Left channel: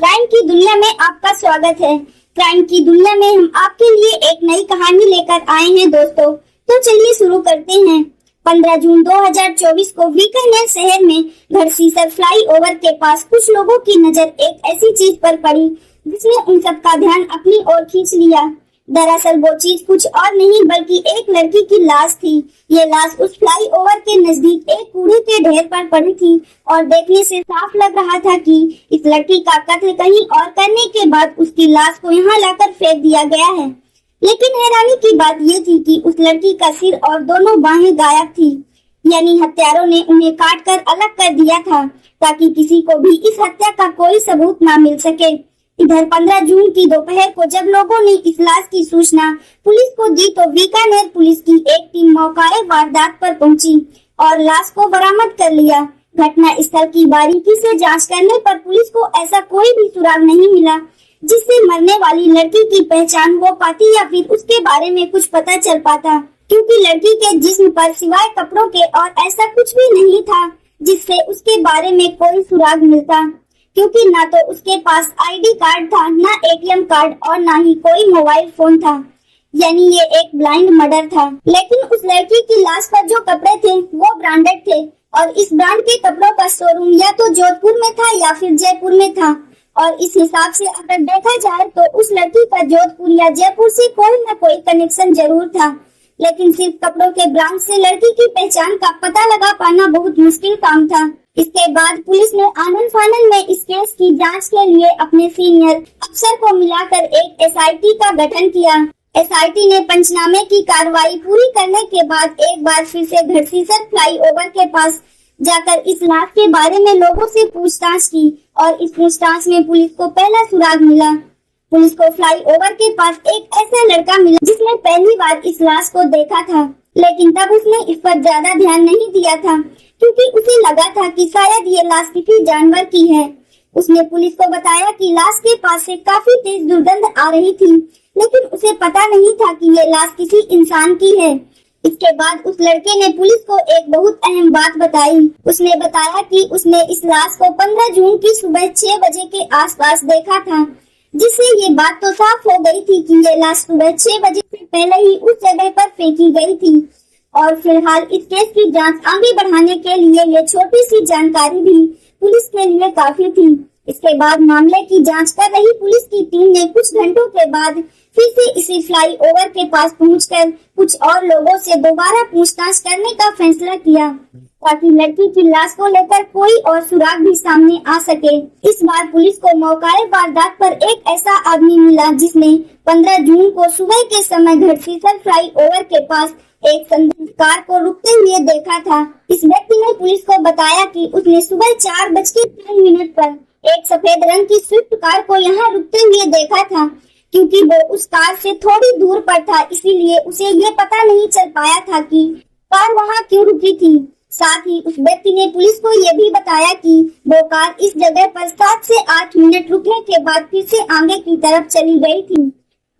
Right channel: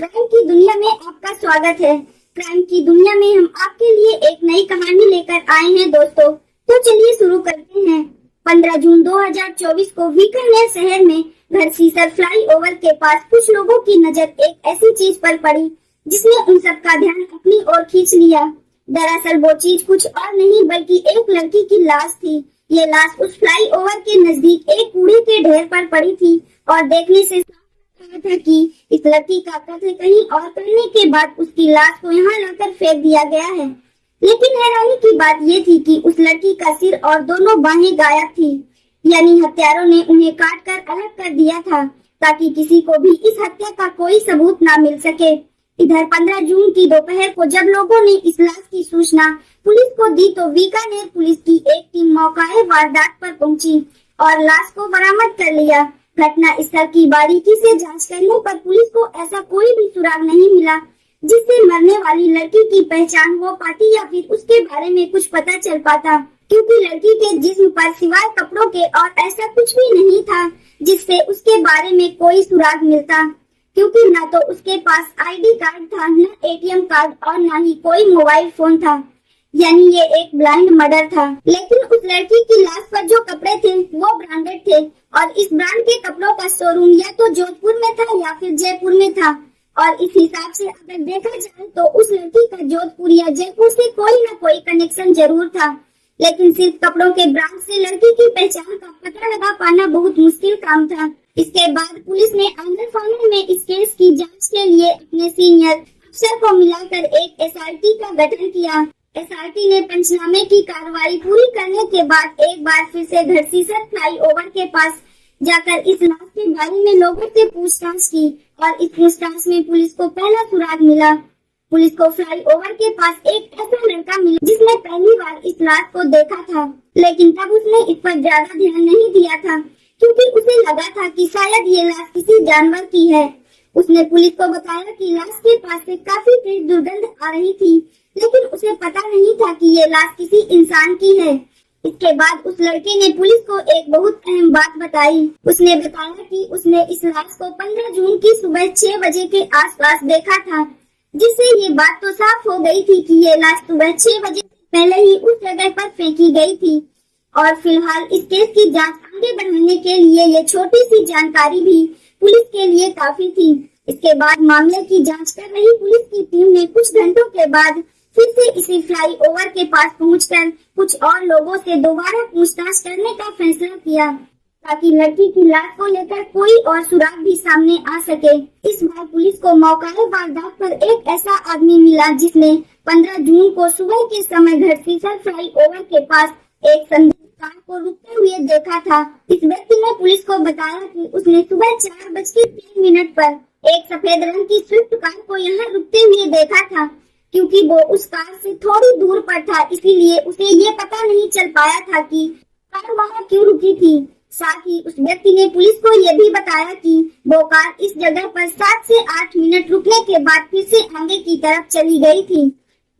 Crime की दुनिया में आपका स्वागत है। क्राइम की दुनिया में हम आपके लिए एक नई कहानी लेकर आए हैं दोस्तों। तो चलिए शुरू करते हैं। 15 जून 2024 को बीकानेर शहर में घरसीसर फ्लाईओवर के पास कुछ लोगों की नजर एक ऐसी चीज पर पड़ी जिसने उन सबका ध्यान अपनी ओर खींच लिया। दरअसल वो चीज कुछ और नहीं बल्कि एक लड़की की लाश थी। ये लाश उस फ्लाईओवर के नजदीक एक कूड़े के ढेर पर पड़ी थी और देखने से साफ लग रहा था कि इस लड़की का कत्ल कहीं और करने के बाद उसकी लाश को यहाँ लाकर फेंक दिया गया है। लेकिन हैरानी की बात ये थी कि उस लड़की का सिर और दोनों बाहें गायब थी, यानी हत्यारों ने उन्हें काट कर अलग कर दिया था ताकि किसी को भी इस हत्या का कोई सबूत न मिल सके। इधर 15 जून की दोपहर को जब लोगों ने इस लाश की सूचना पुलिस को दी तो बीकानेर पुलिस की एक टीम मौके वारदात पर पहुंची और लाश को बरामद कर लिया। घटना स्थल की बारीकी से जांच करने पर पुलिस को ऐसा कोई भी सुराग नहीं मिला जिससे मरने वाली लड़की की पहचान हो पाती या फिर उसके बारे में कुछ पता चल पाता, क्योंकि लड़की के जिस्म पर सिवाय कपड़ों के और ऐसा कुछ भी नहीं था जिससे उसके बारे में कोई सुराग मिलता, क्योंकि ना तो उसके पास आईडी कार्ड था, ना एटीएम कार्ड और ना ही कोई मोबाइल फोन था। यानी ये एक ब्लाइंड मर्डर था। लेकिन उस लड़की की लाश पर जो कपड़े थे वो ब्रांडेड थे और इस ब्रांड के कपड़ों का शोरूम या तो जोधपुर में था या फिर जयपुर में था। और इस हिसाब से अगर देखा जाए तो उस लड़की का जोधपुर या जयपुर से कोई न कोई कनेक्शन जरूर था। लेकिन सिर्फ कपड़ों के ब्रांड से लड़की की पहचान का पता लगा पाना बहुत मुश्किल काम था। इसके बाद पुलिस ने आनन फानन में इस केस की जांच के लिए अपने सीनियर अफसर को मिलाकर एक एसआईटी का गठन किया। एसआईटी ने पंचनामे की कार्रवाई पूरी करने के बाद एक बार फिर से घरसीसर फ्लाईओवर के पास जाकर इस लाश के बारे में लोगों से पूछताछ की और इस पूछताछ में पुलिस को पहला सुराग मिला। पुलिस को फ्लाईओवर के पास एक ऐसा लड़का मिला जिसने पहली बार इस लाश को देखा था, लेकिन तब उसने इस पर ज्यादा ध्यान नहीं दिया था क्योंकि उसे लगा था कि शायद ये लाश किसी जानवर की है। उसने पुलिस को बताया कि लाश के पास से काफी तेज दुर्गंध आ रही थी, लेकिन उसे पता नहीं था कि ये लाश किसी इंसान की है। इसके बाद उस लड़के ने पुलिस को एक बहुत अहम बात बताई। उसने बताया कि उसने इस लाश को 15 जून की सुबह 6 बजे के आसपास देखा था, जिससे ये बात तो साफ हो गई थी कि ये लाश सुबह 6 बजे से पहले ही उस जगह पर फेंकी गई थी। और फिलहाल इस केस की जांच आगे बढ़ाने के लिए ये छोटी सी जानकारी भी पुलिस के लिए काफी थी। इसके बाद मामले की जांच कर रही पुलिस की टीम ने कुछ घंटों के बाद फिर से इसी फ्लाईओवर के पास पहुंचकर कुछ और लोगों से दोबारा पूछताछ करने का फैसला किया ताकि लड़की की लाश को लेकर कोई और सुराग भी सामने आ सके। इस बार पुलिस को मौके वारदात पर एक ऐसा आदमी मिला जिसने 15 जून को सुबह के समय घरसीसर फ्लाईओवर के पास एक संदिग्ध कार को रुकते हुए देखा था। इस व्यक्ति ने पुलिस को बताया कि उसने सुबह 4:03 पर एक सफेद रंग की स्विफ्ट कार को यहाँ रुकते हुए देखा था। क्योंकि वो उस कार से थोड़ी दूर पर था, इसीलिए उसे ये पता नहीं चल पाया था कि कार वहाँ क्यों रुकी थी। साथ ही उस व्यक्ति ने पुलिस को ये भी बताया कि वो कार इस जगह पर 7 से 8 मिनट रुकने के बाद फिर से आगे की तरफ चली गई थी।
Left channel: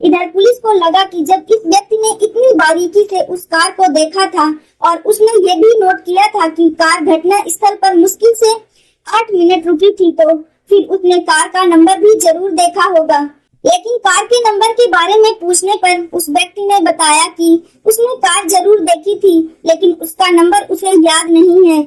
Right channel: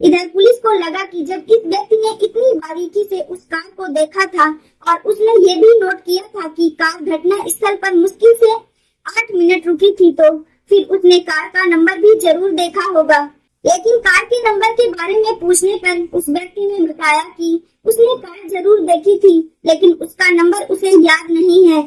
इधर पुलिस को लगा कि जब इस व्यक्ति ने इतनी बारीकी से उस कार को देखा था और उसने ये भी नोट किया था कि कार घटना स्थल पर मुश्किल से 8 मिनट रुकी थी, तो फिर उसने कार का नंबर भी जरूर देखा होगा। लेकिन कार के नंबर के बारे में पूछने पर उस व्यक्ति ने बताया कि उसने कार जरूर देखी थी, लेकिन उसका नंबर उसे याद नहीं है।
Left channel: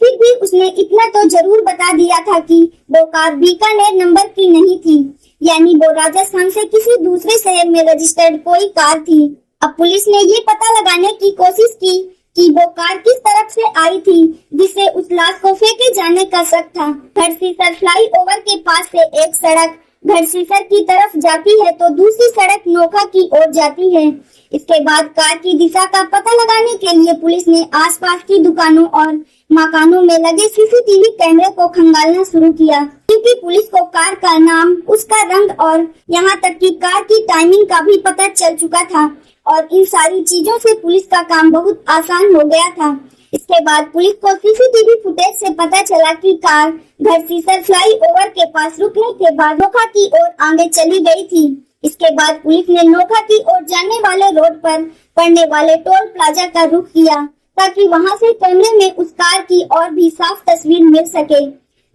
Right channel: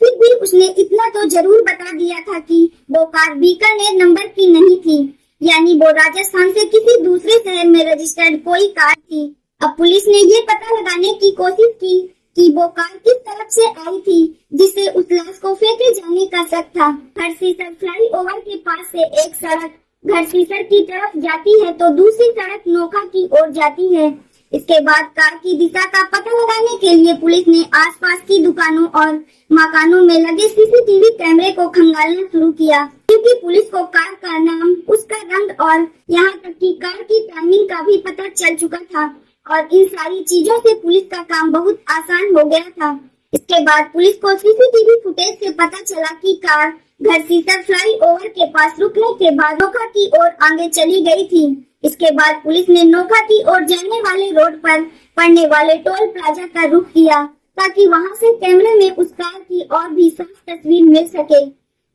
फिर भी उसने इतना तो जरूर बता दिया था कि वो कार बीकानेर नंबर की नहीं थी, यानी वो राजस्थान से किसी दूसरे शहर में रजिस्टर्ड कोई कार थी। अब पुलिस ने ये पता लगाने की कोशिश की कि वो कार किस तरफ से आई थी जिससे उस लाश को फेंके जाने का शक था। घरसीसर फ्लाईओवर के पास से एक सड़क घरसीसर की तरफ जाती है तो दूसरी सड़क नोखा की ओर जाती है। इसके बाद कार की दिशा का पता लगाने के लिए पुलिस ने आसपास की दुकानों और मकानों में लगे सीसीटीवी कैमरे को खंगालना शुरू किया, क्योंकि पुलिस को कार का नाम, उसका रंग और यहाँ तक कि कार की टाइमिंग का भी पता चल चुका था और इन सारी चीजों से पुलिस का काम बहुत आसान हो गया था। इसके बाद पुलिस को सीसीटीवी फुटेज से पता चला कि कार घरसीसर फ्लाईओवर के पास रुकने के बाद नोखा की ओर आगे चली गई थी। इसके बाद पुलिस ने नोखा की ओर जाने वाले रोड पर पड़ने वाले टोल प्लाजा का रुख किया ताकि वहां से कैमरे में उस कार की और भी साफ तस्वीर मिल सके,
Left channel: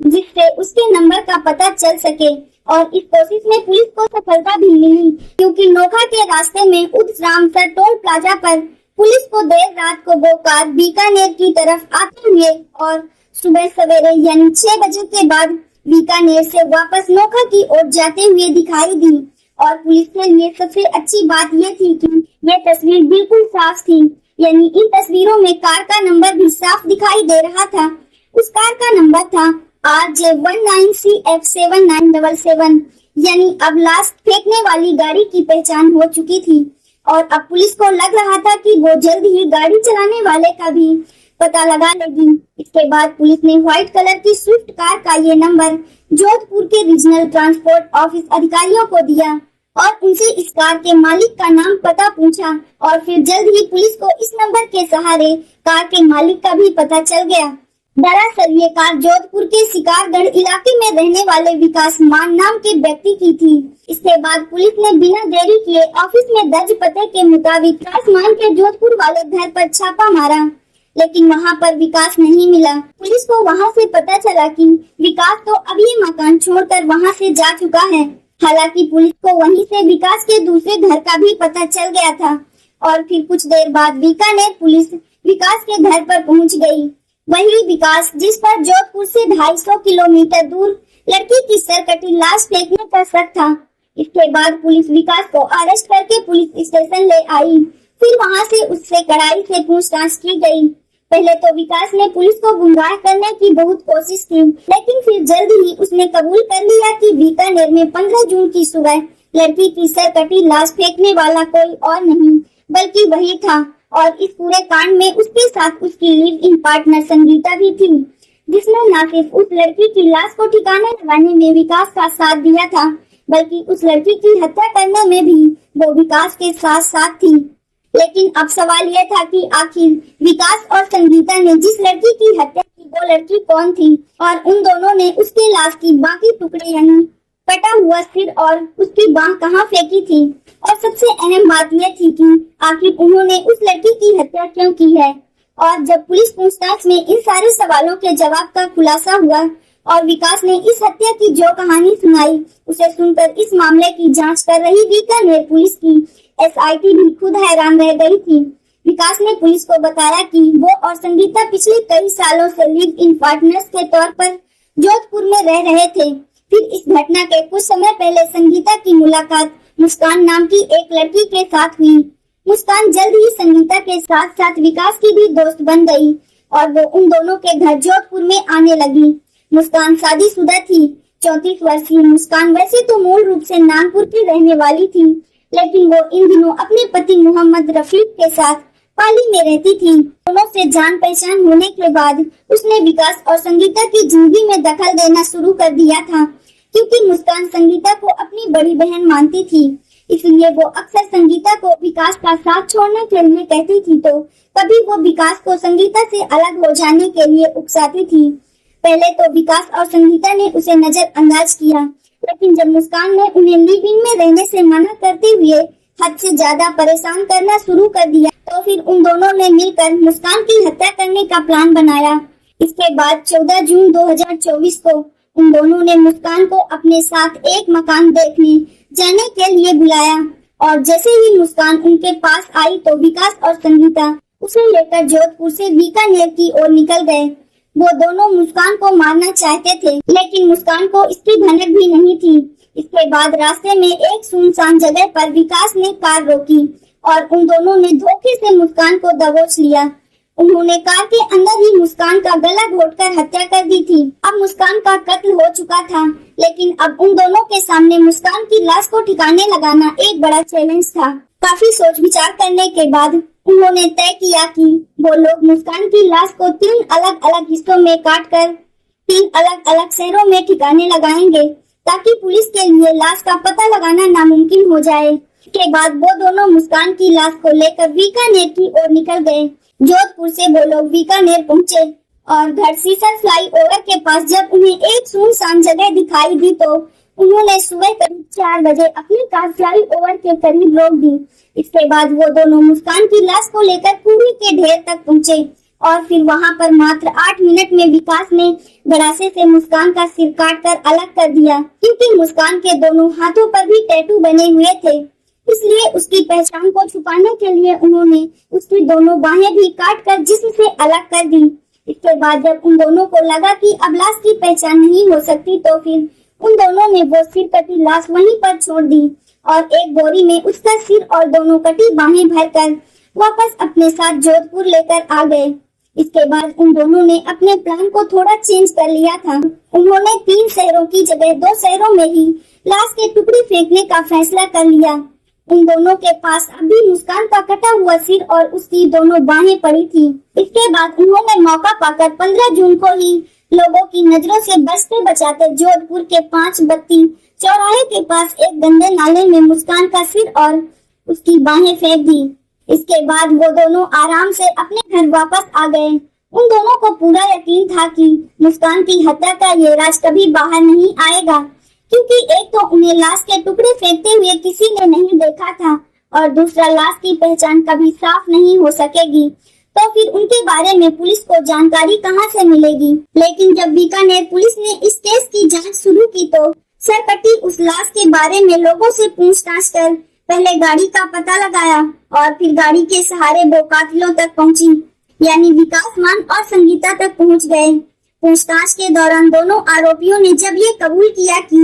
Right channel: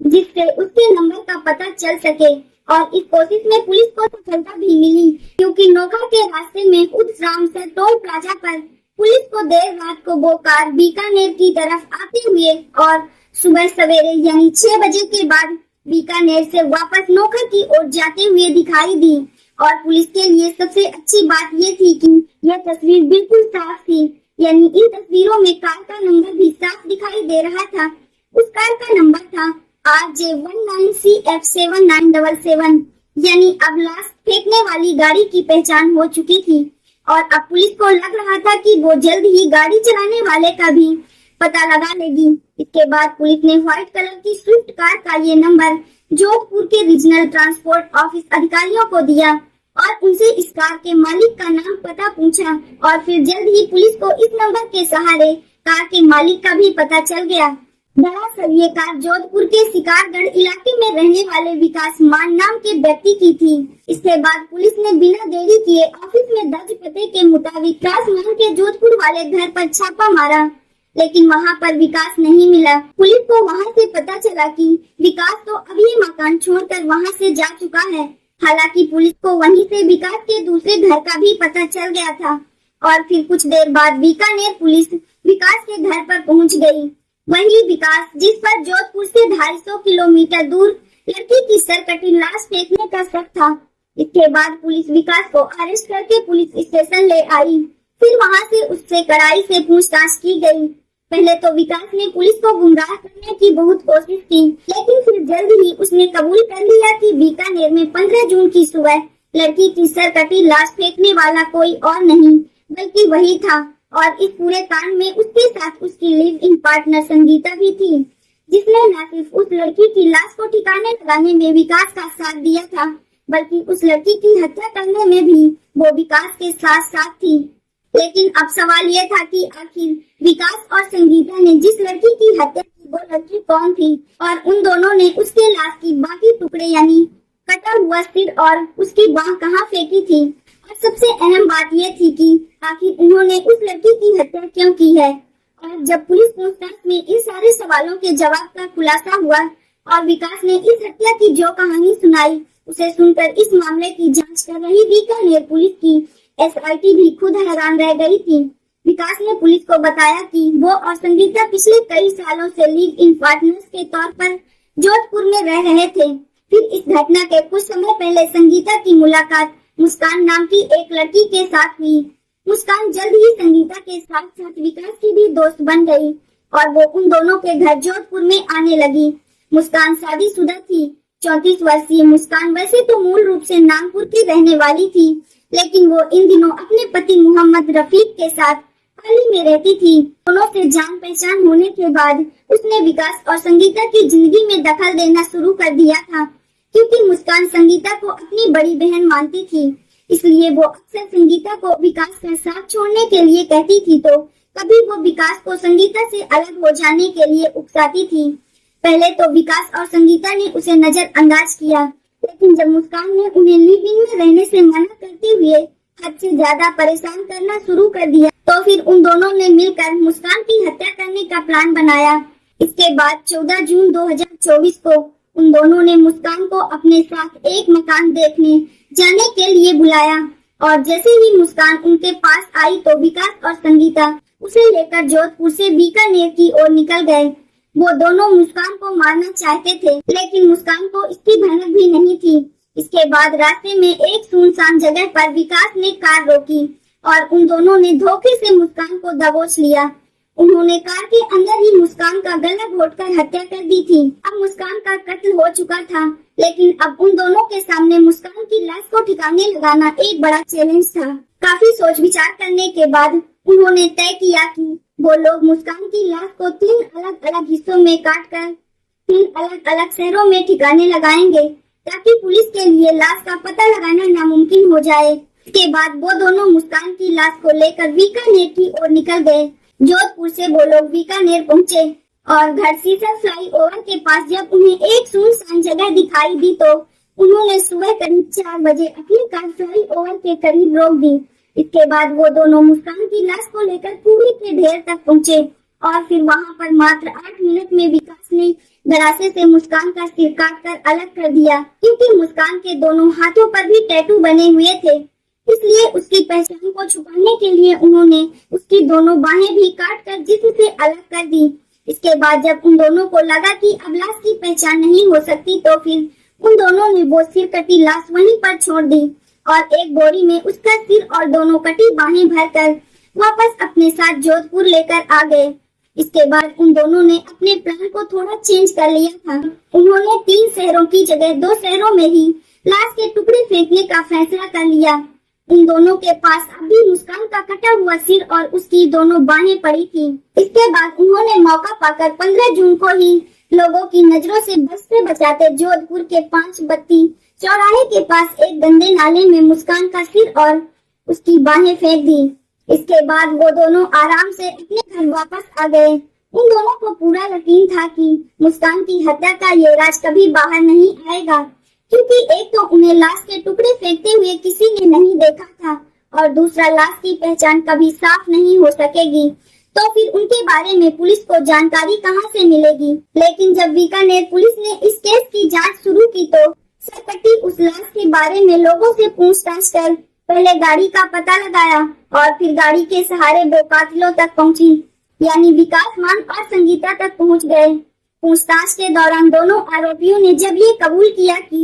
जिससे उसके नंबर का पता चल सके। और इस कोशिश में पुलिस को सफलता भी मिली, क्योंकि नोखा के रास्ते में उदरामसर टोल प्लाजा पर पुलिस को देर रात को वो कार बीकानेर की तरफ आते हुए और सुबह सवेरे यानी 6 बजे के बाद बीकानेर से वापस नोखा की ओर जाते हुए दिखाई दी। और पुलिस के लिए सबसे अच्छी बात ये थी कि ये तस्वीर बिल्कुल साफ थी, यानी इन तस्वीरों में कार का नंबर भी साफ दिखाई दे रहा था। उस कार का नंबर था RJ19CF7977, यानी अब लाश फेंकने वाली गाड़ी की पहचान हो चुकी थी और अब पुलिस को लग रहा था कि वो जल्द ही गाड़ी चलाने वाले का भी पता लगा लेगी। इसके बाद पुलिस ने व्हाइट कलर की स्विफ्ट कार का ये नंबर जोधपुर के रीजनल ट्रांसपोर्ट ऑफिस अधिकारियों को दिया और उनसे इस कार के मालिक का नाम पता पूछा और फिर जल्द ही पुलिस को इस नंबर के सहारे कार के मालिक का भी पता चल गया। दरअसल ये कार जोधपुर के शिकारगढ़ इलाके में रहने वाले विकास मान नाम के व्यक्ति की थी। इसके बाद पुलिस ने बिना देरी किए ऑफिस में दर्ज पते के मुताबिक विकास मान के जोधपुर वाले घर पर छापा मारा, लेकिन वहां पर विकास नहीं मिला। पुलिस को वहां से पता चला कि विकास तो अभी मकान छोड़कर वहां से जा चुका है। हालांकि पुलिस को वहीं से विकास के दूसरे घर का भी पता चल गया था और फिर कुछ देर बाद बीकानेर पुलिस विकास के घर पर पहुंच गई। वही विकास जिस पर जोधपुर से 250 किलोमीटर दूर लड़की की सरकटी लाश फेंकने का शक था। इसके बाद पुलिस विकास को अरेस्ट करके पुलिस स्टेशन ले आई। फिर वहां से उससे कड़ाई से पूछताछ की गई। पहले तो विकास ने पुलिस को गुमराह करने की बहुत कोशिश की, लेकिन फिर जल्द ही उसने कबूल कर लिया कि बीकानेर में 15 जून की सुबह लड़की की सरकटी लाश फेंकने वाला कोई और नहीं बल्कि वही था। और इस पूरे कांड में उसके साथ उसकी लिव इन पार्टनर संगीता भी थी, जिसने न सिर्फ उस लड़की की लाश को ठिकाने लगाने में विकास का साथ दिया था, बल्कि उस लड़की की हत्या करने में भी वो विकास के साथ साथ थी। लेकिन अब सवाल ये था कि आखिर विकास और संगीता ने जिस लड़की की हत्या की वो लड़की कौन थी और उन दोनों ने उसके लाश की बाकी टुकड़े यानी कटा हुआ सिर और उसकी बांह कहाँ फेंकी थी। और सबसे अहम बात यह थी कि आखिर उन्होंने उस लड़की की हत्या क्यों की है। और जब पुलिस पूछताछ में इन सारे सवालों के जवाब का खुलासा हुआ और विकास ने इस हत्या की जो कहानी सुनाई, उसे सुनकर इस मामले की जांच कर रही बीकानेर पुलिस की SIT भी खुद हैरान रह गई थी। विकास ने पुलिस को बताया कि वो और संगीता पिछले कई सालों से लिव इन पार्टनर्स के तौर पर जोधपुर में रह रहे थे। फिर इस घटना के कुछ समय पहले संगीता की मुलाकात मुस्कान नाम की एक लड़की के साथ हुई। मुस्कान जल्द ही संगीता के साथ साथ विकास की भी दोस्त बन गई और वो उन दोनों के घर जोधपुर में आने लगी। मुस्कान शादीशुदा थी। 34 वर्षीय मुस्कान वैसे तो मूल रूप से नागपुर की रहने वाली थी, लेकिन वो इन दिनों अपने पति मोहम्मद रफीक के साथ पाली में रहती थी। दोनों से जान पहचान होने के बाद उसने विकास और संगीता की जिंदगी में दखल देना शुरू कर दिया था, क्योंकि मुस्कान संगीता को अपनी बड़ी बहन मानती थी। इसलिए वो अक्सर संगीता को विकास का साथ छोड़ने के लिए कहती थी, तो कभी वो विकास को संगीता से अलग हो जाने के लिए उकसाती थी। पहले तो विकास और संगीता ने उसे नजरअंदाज किया, लेकिन जब मुस्कान ने उन्हें लिव इन में रहने से मना करते हुए हद से ज्यादा परेशान करना शुरू कर दिया, तो फिर उन दोनों ने मिलकर मुस्कान की हत्या करने का प्लान बनाया। इसके बाद 14 जून 2024 को उन दोनों ने मुस्कान को अपने साथ एक मकान देखने जाने के लिए बुलाया और जैसे ही मुस्कान उनके पास आई तो विकास और संगीता उसे लेकर जोधपुर से बीकानेर की ओर निकल गए। वो दोनों मुस्कान को मारना चाहते थे, लेकिन मुस्कान को इसकी भनक भी नहीं थी। इसके बाद रास्ते में एक सुनसान जगह पर विकास ने कार रोकी और उन दोनों ने धोखे से मुस्कान को दबोच लिया। उन्होंने कार के अंदर ही मुस्कान का गला घोटकर हत्या कर दी थी। अब मुस्कान का कत्ल हो चुका था, लेकिन अब उन दोनों के सामने मुस्कान की लाश को ठिकाने लगाना एक बड़ा चैलेंज था। काफी सोच विचार करने के बाद उन्होंने तय किया कि वो लोग मुस्कान की लाश को 3 अलग अलग हिस्सों में काटकर 3 अलग अलग शहरों में ठिकाने लगाएंगे, ताकि पुलिस के लिए लाश का पता लगाना नामुमकिन हो जाए। इसके बाद वो दोनों मुस्कान की लाश को लेकर बीकानेर की ओर निकल गए। जोधपुर से वो लोग बीकानेर पहुँचे और घड़सीसर फ्लाईओवर के पास जब उन्हें एक सुनसान जगह दिखाई दी, तो उन्होंने सुबह करीब 4 बजे अपनी कार फ्लाईओवर के करीब रोक दी। इसके बाद वो दोनों मुस्कान की लाश को लेकर कूड़े के ढेर तक पहुँचे और फिर वहां पर मात्र 8 मिनट में विकास ने गरासे से मुस्कान का सिर काटकर अलग कर दिया, क्योंकि मुस्कान के दोनों हाथों पर भी टैटू बने हुए थे। इसलिए उसकी पहचान को छुपाने के लिए उन्होंने उसकी दोनों बाहें भी काटकर जिस्म से अलग कर दी। इसके बाद जब उन दोनों को लगा कि अब लाश की पहचान नहीं हो सकती, तो फिर उन दोनों ने वो सिर कटी लाश वहीं पर छोड़ दी और एक बोरी में उसका सिर और दोनों कटी बाहें भरकर वापस अपने साथ जोधपुर लेकर आ गए। इसके बाद उन दोनों ने अपने प्लान को थोड़ा चेंज कर लिया था। उन्होंने 3 शहरों की जगह 2 शहरों में ही लाश के टुकड़े फेंकने का फैसला कर लिया। उन दोनों के पास अभी मुस्कान का कटा हुआ सिर और उसकी दोनों बाहें पड़ी थी। इसके बाद उन्होंने मौका पाकर 15 जून को ही लोगों की नजरों से बचते बचाते जोधपुर के 5 बत्ती चौराहे के पास एक गंदे नाले में मुस्कान का सिर और उसकी बाहें फेंक दी। इसके बाद वो दोनों आराम से अपने घर वापस आ गए। उन दोनों को पूरा यकीन था कि मुस्कान की हत्या का ये राज कभी बाहर नहीं आएगा, क्योंकि एक तो उन्हें लाश के टुकड़े फेंकते हुए किसी ने नहीं देखा था और दूसरा लाश की पहचान कभी साफ नहीं हो सकेगी। तो फिर उनके बारे में पुलिस को जानकारी कहां से मिलेगी। लेकिन जब बीकानेर पुलिस ने इस केस की जांच शुरू की तो सरकटी उस लाश के बारे में लोगों से पूछताछ कर पहले गाड़ी का पता लगाया और फिर गाड़ी के सहारे वो कातिलों तक पहुंची, यानी विकास मान और संगीता तक पहुंच गए। पूछताछ के दौरान दोनों आरोपियों ने जब ये कबूल किया कि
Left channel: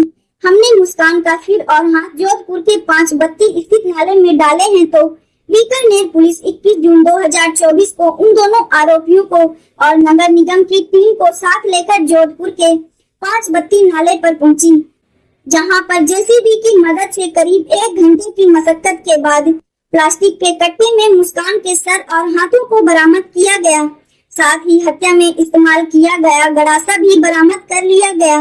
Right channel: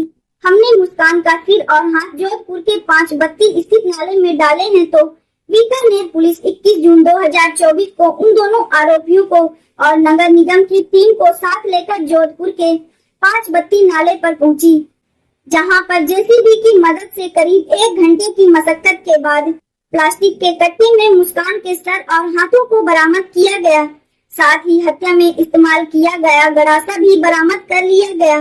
हमने मुस्कान का सिर और हाथ जोधपुर के 5 बत्ती स्थित नाले में डाले हैं, तो बीकानेर पुलिस 21 जून 2024 को उन दोनों आरोपियों को और नगर निगम की टीम को साथ लेकर जोधपुर के 5 बत्ती नाले पर पहुंची, जहां पर जेसीबी की मदद से करीब 1 घंटे की मशक्कत के बाद प्लास्टिक के कट्टे में मुस्कान के सर और हाथों को बरामद किया गया। साथ ही हत्या में इस्तेमाल किया गया गरासा भी बरामद कर लिया गया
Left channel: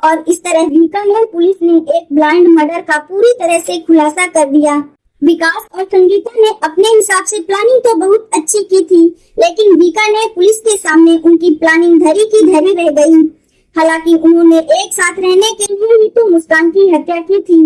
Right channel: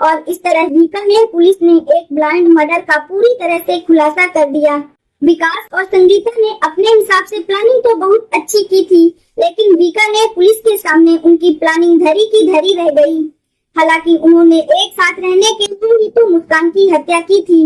और इस तरह बीकानेर पुलिस ने एक ब्लाइंड मर्डर का पूरी तरह से खुलासा कर दिया। विकास और संगीता ने अपने हिसाब से प्लानिंग तो बहुत अच्छी की थी, लेकिन बीकानेर पुलिस के सामने उनकी प्लानिंग धरी की धरी रह गई। हालांकि उन्होंने एक साथ रहने के लिए ही तो मुस्कान की हत्या की थी,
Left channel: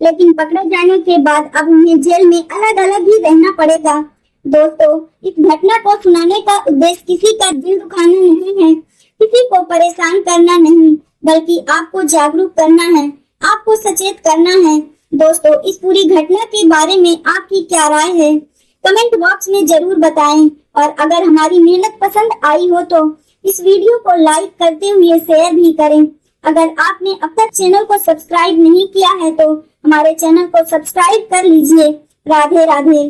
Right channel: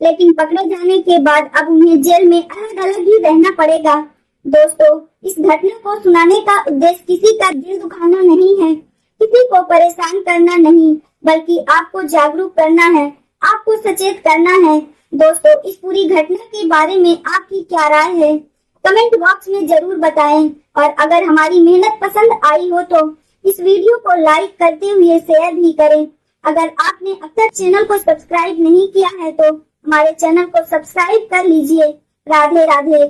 लेकिन पकड़े जाने के बाद अब उन्हें जेल में अलग अलग ही रहना पड़ेगा। दोस्तों, इस घटना को सुनाने का उद्देश्य किसी का दिल दुखाना नहीं है, किसी को परेशान करना नहीं, बल्कि आपको जागरूक करना है, आपको सचेत करना है। दोस्तों, इस पूरी घटना के बारे में आपकी क्या राय है, कमेंट बॉक्स में जरूर बताएं। और अगर हमारी मेहनत पसंद आई हो तो इस वीडियो को लाइक करते हुए शेयर भी करें। अगर आपने अब तक चैनल को सब्सक्राइब नहीं किया है तो हमारे चैनल को सब्सक्राइब कर लीजिए। राधे राधे।